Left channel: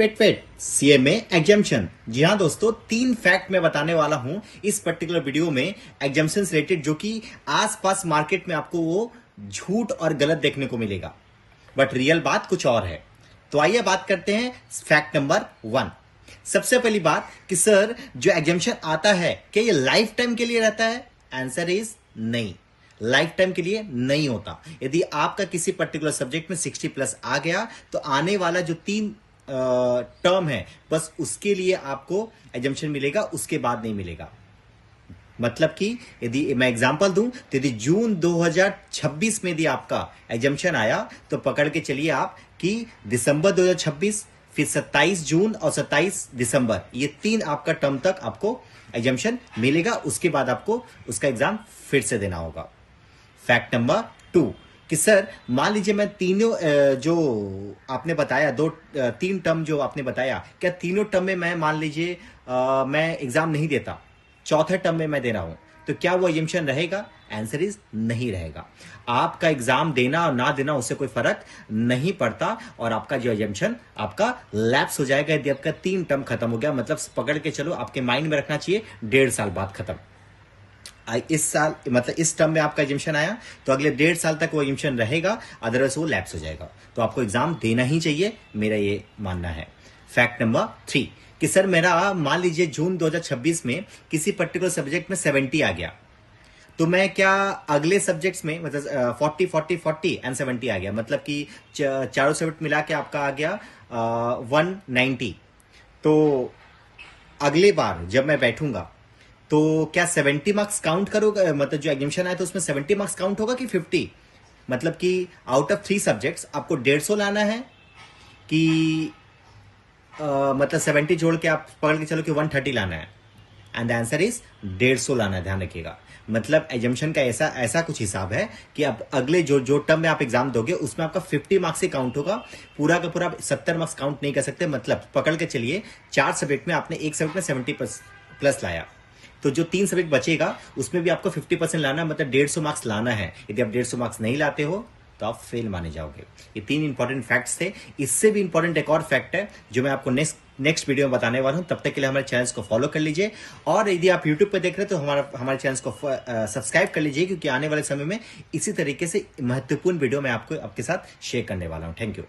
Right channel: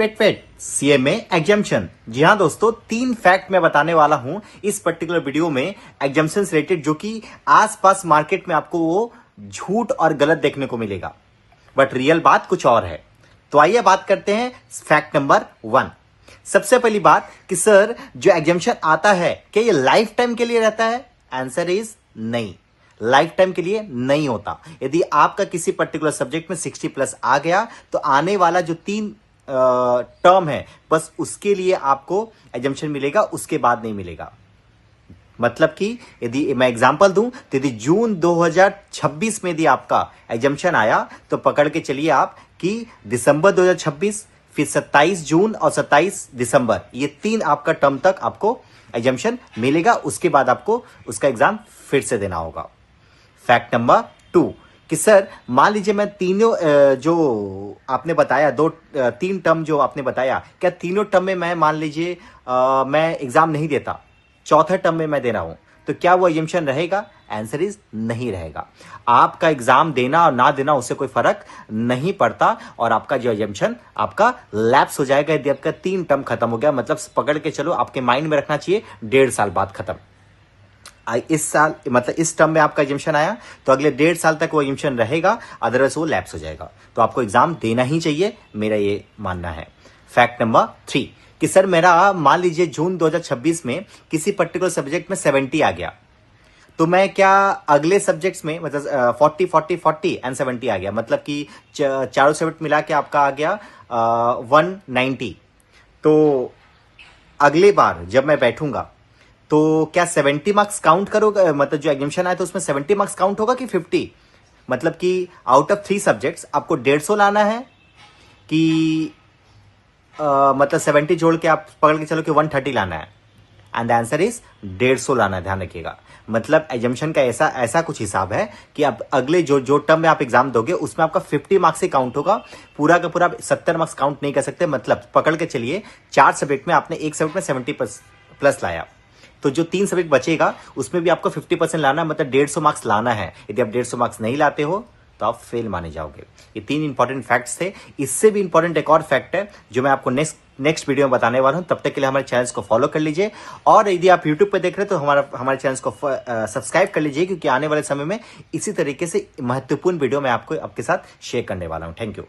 Wait CMA exemption. जी हाँ दोस्तों, 3 fact मैं बताने वाला हूं इस पर्टिकुलर वीडियो में एग्जाम्शन से रिलेटेड, जो कि आसपास मार्केट में आपको वो झूठ और गलत देखने को मिलेगा, बट रियल बात कुछ और है। तो आइए बात करते हैं फैक्ट नंबर 1। सबसे पहली बात कि सर जो एग्जाम्शन आता है क्या ये लाइफ टाइम के लिए रहता है? आंसर इज नहीं, लाइफ टाइम के लिए नहीं होता। यदि आपका किसी पर्टिकुलर सब्जेक्ट में 60 प्लस आ गया तो आने वाला जो 3 टर्म है बस उसके लिए आपको एग्जाम्शन मिलेगा, उसके बाद नहीं मिलेगा। मतलब कि यदि मैं एग्जांपल दूं तो यदि जून 2026 में यदि आपका एग्जाम्शन आया तो पकड़ के चलिए आप कि दिसंबर 2026, फिर 27 जून और 27 दिसंबर, ये 3 आपका टर्म तक आपको एग्जाम्शन मिलेगा। उसके बाद आपको उसका एग्जाम फिर से देना होगा। फैक्ट नंबर 2 कि सर मान लीजिए मैं तीनों जो आपने बताया 3 टर्म जो आपने बताया, क्या तीनों टर्म में मैं मान लीजिए मैं एग्जाम नहीं देता, चौथे टर्म में मैं दे रहा हूं, तो क्या वो एग्जाम्शन रहेगा? आंसर इज नहीं रहेगा। आपका एग्जाम देना और ना देना उससे कोई फर्क नहीं पड़ता और आपका जो एग्जाम्शन आपका लैप्स हो जाएगा यदि आपका 3 टर्म खत्म हो गया। मतलब पकड़ के चलो, आपके माइंड में रखना चाहिए 1.5 साल बाद खत्म। इस साल मतलब इस टर्म में आपका एग्जाम्शन आया तो अगले 1.5 साल तक वो एग्जाम्शन रहेगा, अदरवाइज वो लैप्स हो जाएगा। तो आपको एग्जाम देना ही चाहिए, मेरा ये मानना है। फैक्ट नंबर 3 कि सर मेरा मान लीजिए जून 2026 में किसी पर्टिकुलर सब्जेक्ट में 70 आ गया, तो मैं क्या अगले सब्जेक्ट्स में मतलब 40 40 40 एंड 70 आ गया, मतलब कि चारों सब्जेक्ट मिला के आपका आ गया 190, तो अगले बार जब मैं बैठूंगा तो क्या 70 मार्क्स काउंट करोगे? मतलब जो एग्जाम्शन आया तो उसमें 70 मार्क्स काउंट होगा कि 50? मतलब कि आउट ऑफ 3 सब्जेक्ट्स आपको 150 लाना है कि मतलब 70 जोड़ के आप पकड़ के चलो कि 130 लाना है। एंड आंसर इज 150 लाना है, ध्यान रखिएगा। मतलब एग्जाम्शन का ऐसा कुछ हिसाब है कि आप अगले जो टर्म में आप एग्जाम दोगे उसमें आपका 50 मार्क्स ही काउंट होगा, पूरा का पूरा 70 मार्क्स काउंट नहीं कर सकते। मतलब पकड़ के चलिए 4 सब्जेक्ट में आपने एक सब्जेक्ट में 70 प्लस लाया, तो जो 3 सब्जेक्ट बचेगा उसमें भी आपको 50% लाना, मतलब 150 मार्क्स लाना है। यदि आप 150 मार्क्स नहीं लाते हो तो आप फेल माने जाओगे। ये 3 इंपॉर्टेंट फैक्ट्स थे। इससे भी इंपॉर्टेंट एक और फैक्ट है जो मैं आपको नेक्स्ट वीडियो में बताने वाला हूं। तब तक के लिए हमारे चैनल को फॉलो कर लीजिए, और यदि आप यूट्यूब पे देख रहे हैं तो हमारे चैनल को सब्सक्राइब कर लीजिए, क्योंकि आने वाले समय में इसी तरीके से महत्वपूर्ण वीडियो मैं आपको आपके साथ शेयर करने वाला हूं। Thank you.